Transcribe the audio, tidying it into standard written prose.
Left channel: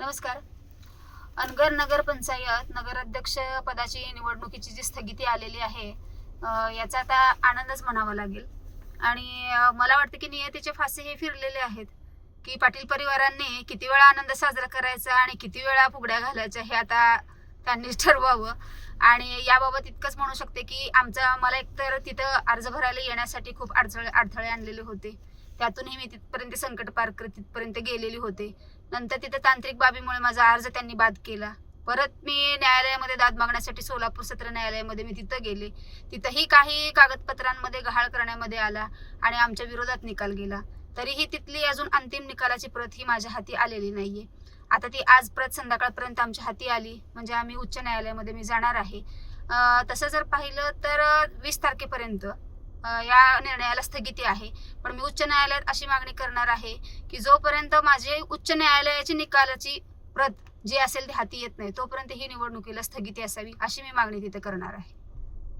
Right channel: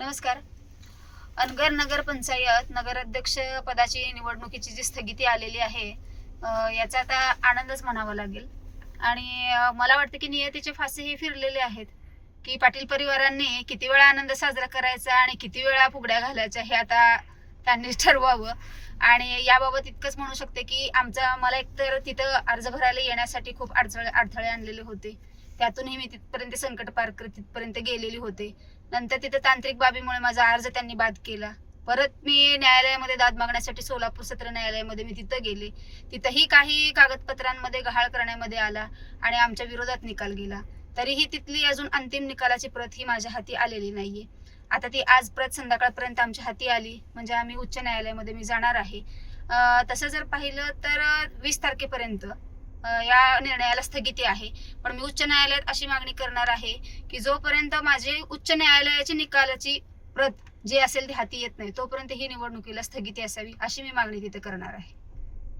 नमस्कार. अनगर नगर पंचायत नगराध्यक्ष पदाची निवडणुकीची जी स्थगिती आलेली आहे, याचा आता आनंदच म्हणावा लागेल. आणि मला वाटतं की नियतीचे फासे हे फिरलेले आहेत की पाटील परिवारांनी किती वेळा आनंद साजरा करायचा आणि किती वेळा फुगड्या घालायच्या हे आता त्यांनीच ठरवावं. आणि याबाबत इतकंच म्हणू शकते की मला एकतर तिथं अर्ज भरायला येण्यासाठी खूप अडथळे आणलेले होते. त्यातूनही मी तिथपर्यंत संकट पार करत तिथपर्यंत गेलेली होते. नंतर तिथे तांत्रिक बाबीमुळे माझा अर्ज त्यांनी बाद केला. परत मी न्यायालयामध्ये दाद मागण्यासाठी सोलापूर सत्र न्यायालयामध्ये मी तिथं गेले. तिथंही काही कागदपत्रांमध्ये गहाळ करण्यामध्ये आला आणि आमच्या विरोधात निकाल गेला. तरीही तिथली अजून अंतिम निकालाची प्रत ही माझ्या हाती आलेली नाहीये. आता ती आज प्रत संध्याकाळपर्यंत आमच्या हाती आली म्हणजे आम्ही उच्च न्यायालयामध्ये मी जाणार आहे. तसं जर पाहिलं तर 20 तारखेपर्यंत या निर्णयाला स्थगिती आहे. पण मी उच्च न्यायालयात अशी मागणी करणार आहे की जोपर्यंत माझे उच्च न्यायालयाची निकालाची प्रत जी असेल ती हाती येत नाही, तोपर्यंत ही निवडणुकीला स्थगिती असावी अशी मी मागणी तिथे करणार आहे.